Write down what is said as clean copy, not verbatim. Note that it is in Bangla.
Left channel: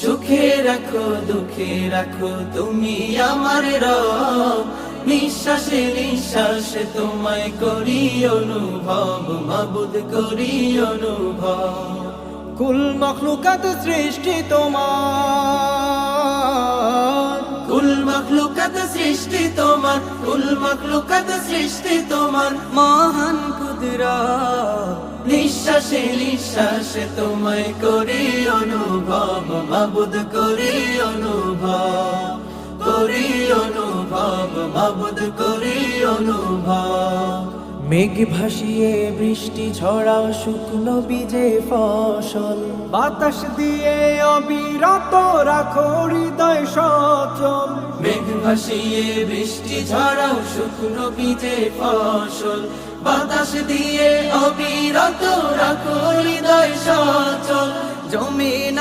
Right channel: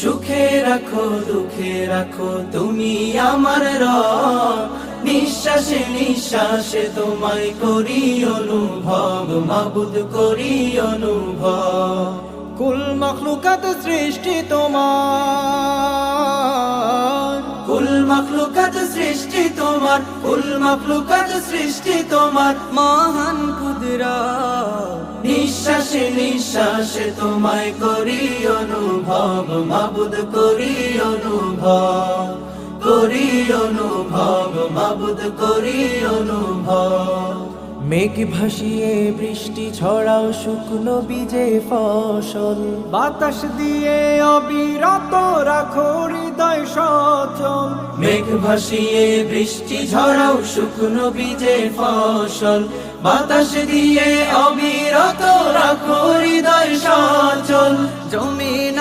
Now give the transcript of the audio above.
সুখে রাখো দুঃখে রাখো তুমি আমার রব, নিঃশ্বাসে নিঃশ্বাসে তোমায় করি অনুভব, মাবুদ করি অনুভব। কুল মখলুকাত সৃষ্টি তোমার, কুল মখলুকাত সৃষ্টি তোমার, কুল মখলুকাত সৃষ্টি তোমার, মহান কুদরত নিঃশ্বাসে নিঃশ্বাসে তোমায় করি অনুভব, মাবুদ করি অনুভব, করি অনুভব, মাবুদ করি অনুভব। মেঘ ভাসিয়ে বৃষ্টি ঝরাও শুকনো বীজে ফসল, বাতাস দিয়ে অবিরত রাখো হৃদয় সচল। মেঘ ভাসিয়ে বৃষ্টি ঝরাও শুকনো বীজে ফসল, বাতাস দিয়ে অবিরত রাখো হৃদয় সচল। জমিন